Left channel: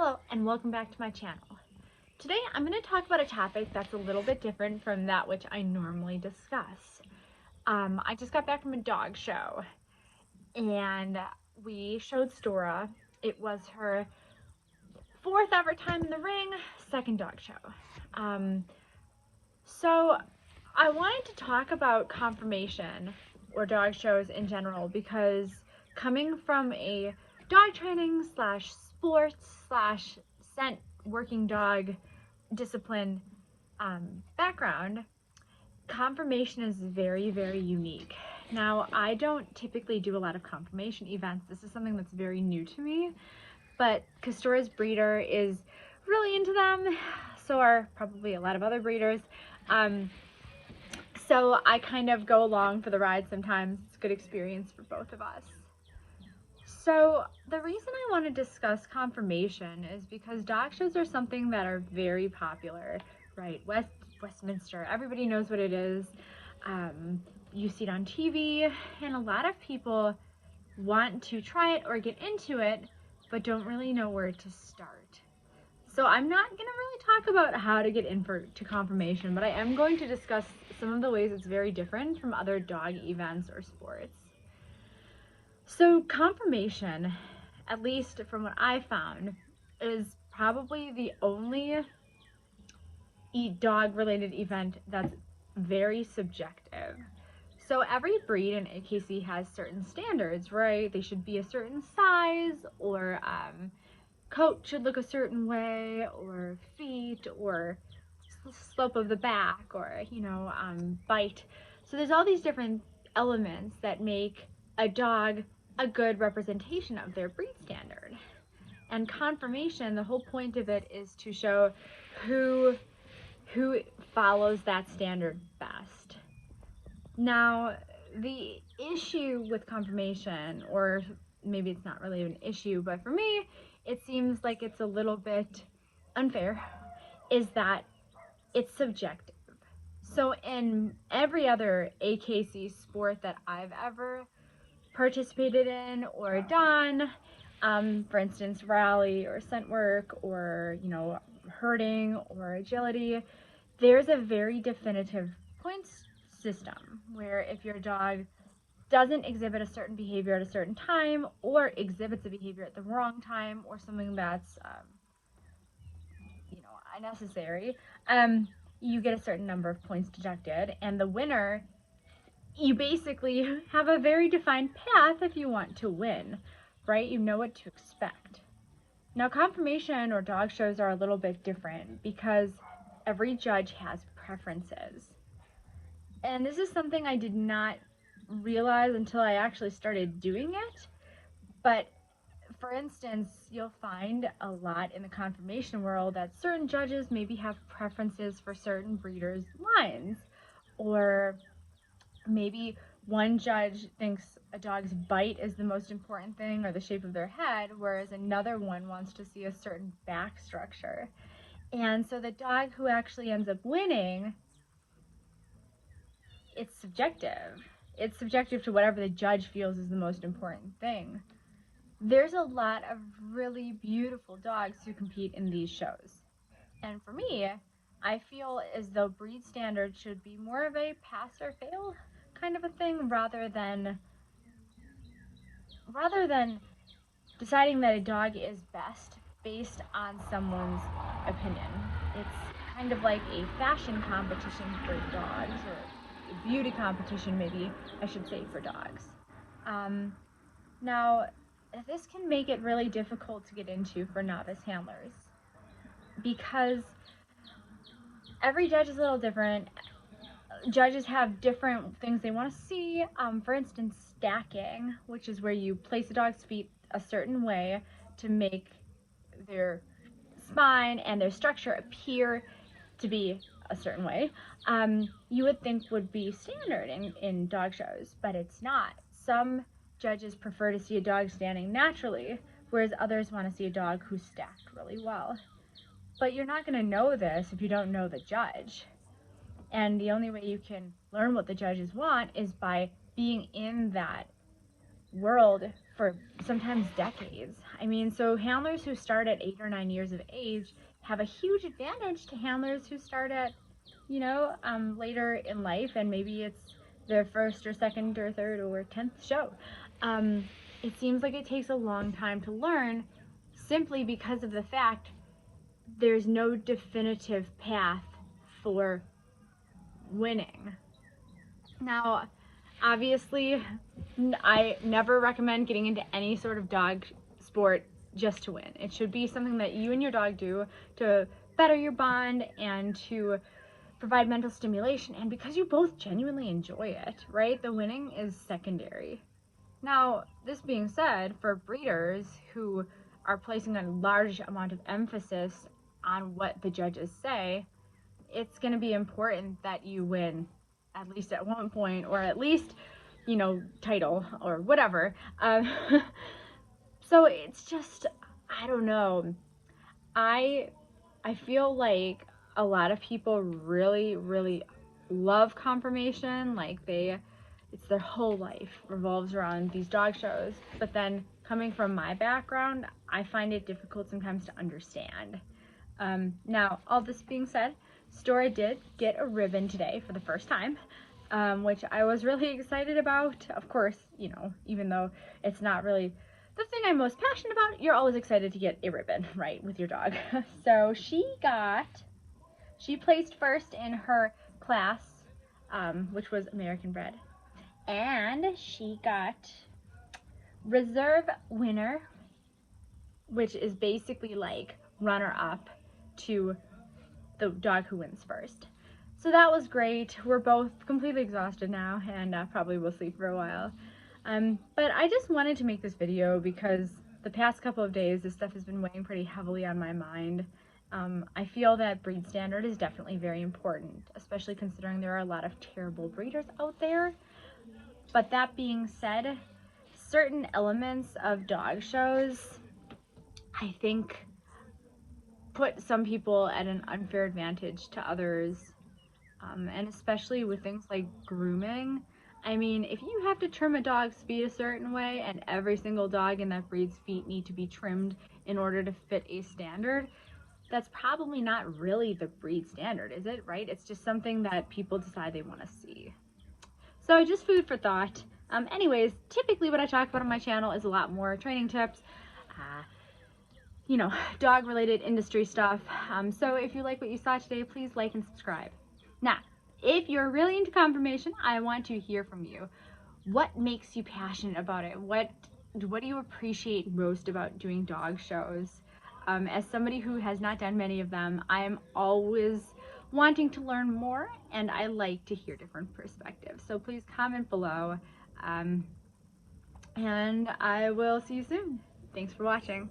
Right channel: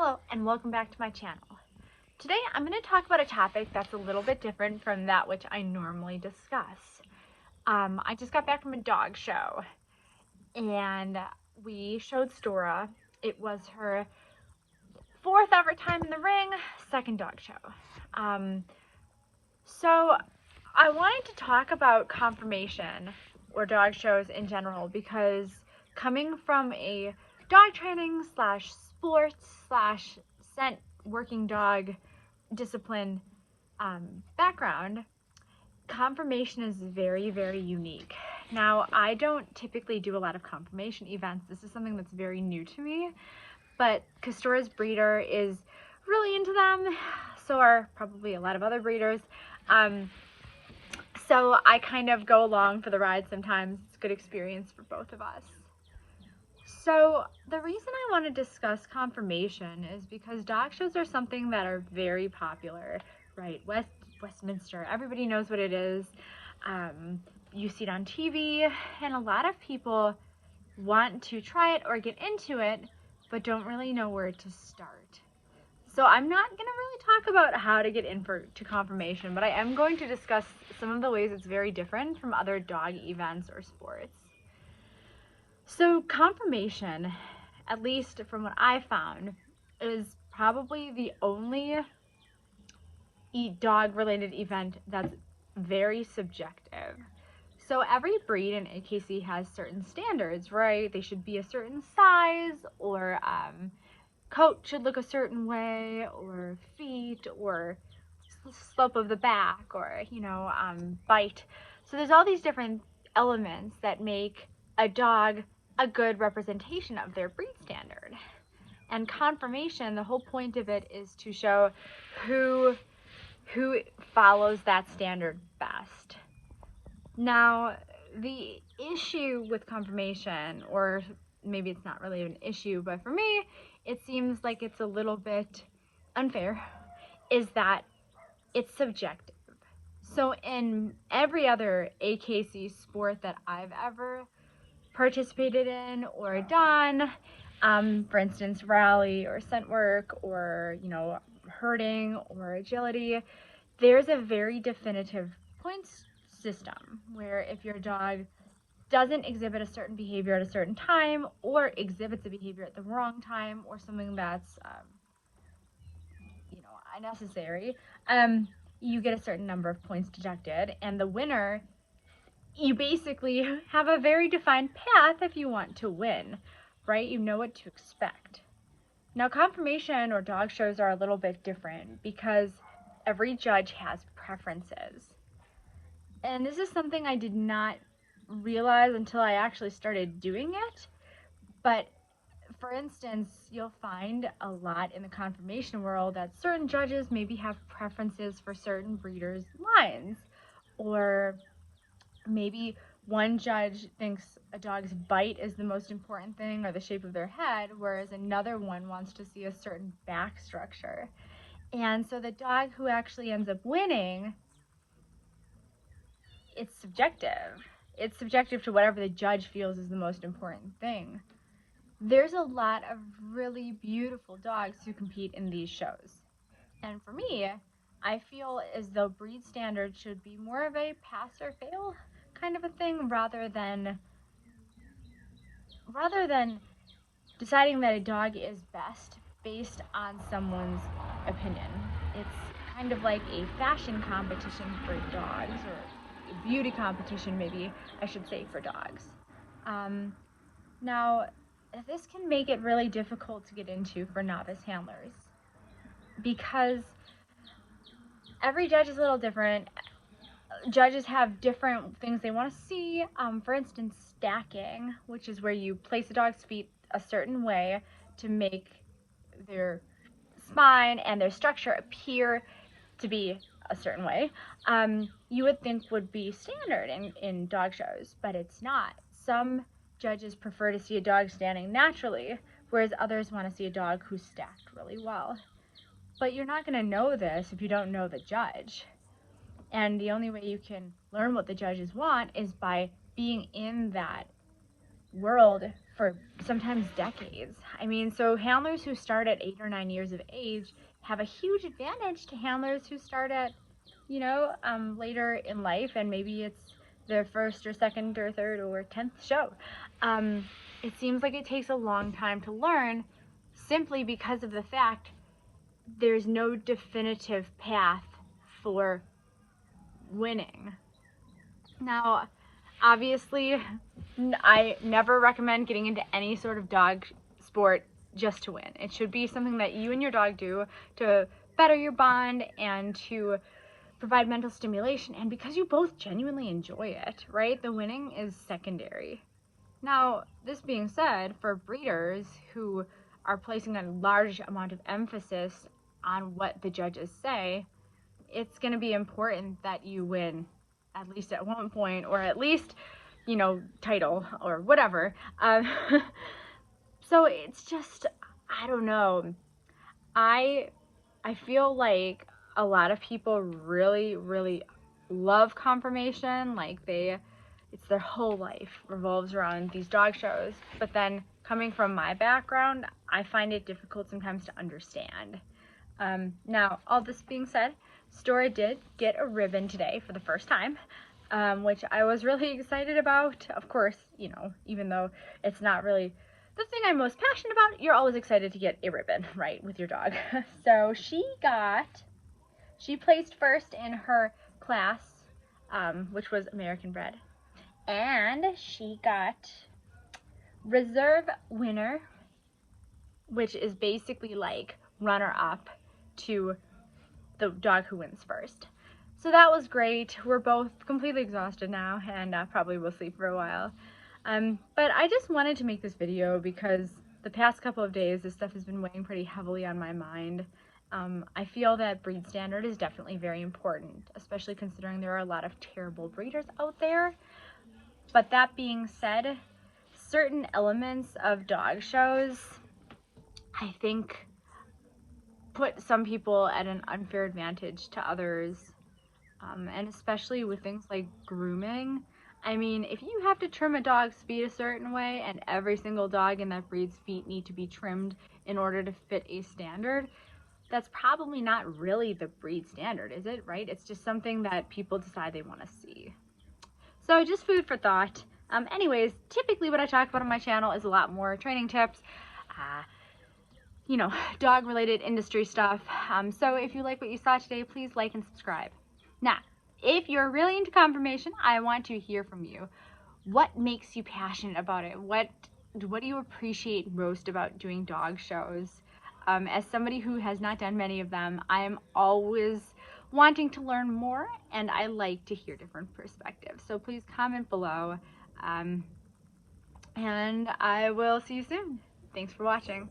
Hello and welcome back to my channel. Today I'm going to talk about a topic that's a little bit different from that which I normally discuss. I just got back from a dog show and we showed Stora. It was her fourth ever time in the ring, second dog show. So I wanted to talk about conformation or dog shows in general because coming from a dog training slash sports slash scent working dog discipline background, conformation is very, very unique. Now, I don't typically do a lot of conformation events. This is something that's very new to me, but Castora's breeder is really into them. So are probably a lot of other breeders. So I kind of go along for the ride sometimes. It's a good experience for both of us. So the reason I want to discuss conformation is because dog shows are something that are very popular, right? Westminster, everybody knows what it is. You see it on TV, and a lot of people want to try it or get into it, but don't really know where to start. So I'm not going to really talk about how to get to conformation, but I am going to discuss some of the ways it's very different from other dog events or sports. So conformation, at least from what I found, is probably the only dog-related event that's very subjective. So every breed in AKC has certain standards, right? They should be a certain size, or coat should look a certain way, or feet, or slope of the back, or bite. So there's all these different elements that make a dog a good representation of their breed standard. And conformation, the whole point of it is to show who follows that standard best. Now, the issue with conformation, or maybe it's not really an issue, but for me, it seems like it's a little bit unfair, is that it's subjective. So in every other AKC sport that I've ever participated in or done, for instance, rally or scent work or, herding or agility, there's a very definitive points system where if your dog doesn't exhibit a certain behavior at a certain time, or exhibits a behavior at the wrong time, or something that's unnecessary, you get a certain number of points deducted, and the winner, you basically have a very defined path if you want to win, right? You know what to expect. Now, conformation or dog shows are a little bit different because every judge has preferences. And this is something I did not realize until I actually started doing it. But for instance, you'll find a lot in the conformation world that certain judges maybe have preferences for certain breeders' lines, or maybe one judge thinks a dog's bite is the most important thing, or the shape of their head, whereas another one wants to see a certain back structure. And so the dog who actually ends up winning, it's subjective. It's subjective to whatever the judge feels is the most important thing. There's a lot of really beautiful dogs who compete in these shows. And for me, I feel as though breed standards should be more of a pass or fail kind of a thing, rather than deciding that a dog is best based on someone's opinion. It's kind of like a fashion competition for dogs, or a beauty competition, maybe I should say, for dogs. Now, this can make it really difficult to get into for novice handlers because every judge is a little different. Judges have different things they want to see. For instance, stacking, which is where you place a dog's feet a certain way to make their spine and their structure appear to be a certain way, you would think would be standard in dog shows, but it's not. Some judges prefer to see a dog standing naturally, whereas others want to see a dog who's stacked really well. But you're not going to know this if you don't know the judge. And the only way you can learn what the judges want is by being in that world for sometimes decades. I mean, so handlers who start at 8 or 9 years of age have a huge advantage to handlers who start at, later in life, and maybe it's their first or second or third or 10th show. It seems like it takes a long time to learn simply because of the fact there's no definitive path for winning. Now, obviously, I never recommend getting into any sort of dog sport just to win. It should be something that you and your dog do to better your bond and to provide mental stimulation, and because you both genuinely enjoy it, right? The winning is secondary. Now, this being said, for breeders who are placing a large amount of emphasis on what the judges say, it's going to be important that you win at least at one point, or at least, title or whatever. So it's just, I don't know. I feel like a lot of people really, really love Conformation. Like it's their whole life revolves around these dog shows. But then coming from my background, I find it difficult sometimes to understand. Now, all this being said, Stora did get a ribbon today for the first time, which I was really excited about. Of course, even though it's not really the thing I'm most passionate about, you're always excited to get a ribbon, right, with your dog. So she placed first in her class, which was American bred, and she got reserve winner, which is basically like runner up to the dog who wins first. So that was great. We're both completely exhausted now, and probably will sleep for a while. But I just wanted to make this video because the past couple of days this stuff has been weighing pretty heavily on my mind. I feel that breed standard is definitely very important, especially considering there are a lot of terrible breeders out there. But that being said, certain elements of dog shows, I think, put some people at an unfair advantage to others, and especially with things like grooming. I mean, if you have to trim a dog's feet a certain way and every single dog in that breed's feet need to be trimmed in order to fit a standard, that's probably not really the breed standard, is it, right? It's just something that people decide they want to see. So just food for thought. Anyways, typically what I talk about on my channel is a lot more training tips, dog related industry stuff. So if you like what you saw today, please like and subscribe. Now, if you're really into Conformation, I want to hear from you. What makes you passionate about it? What do you appreciate most about doing dog shows? As somebody who has not done many of them, I am always wanting to learn more, and I like to hear different perspectives. So please comment below, and I will see you soon. Thanks for watching.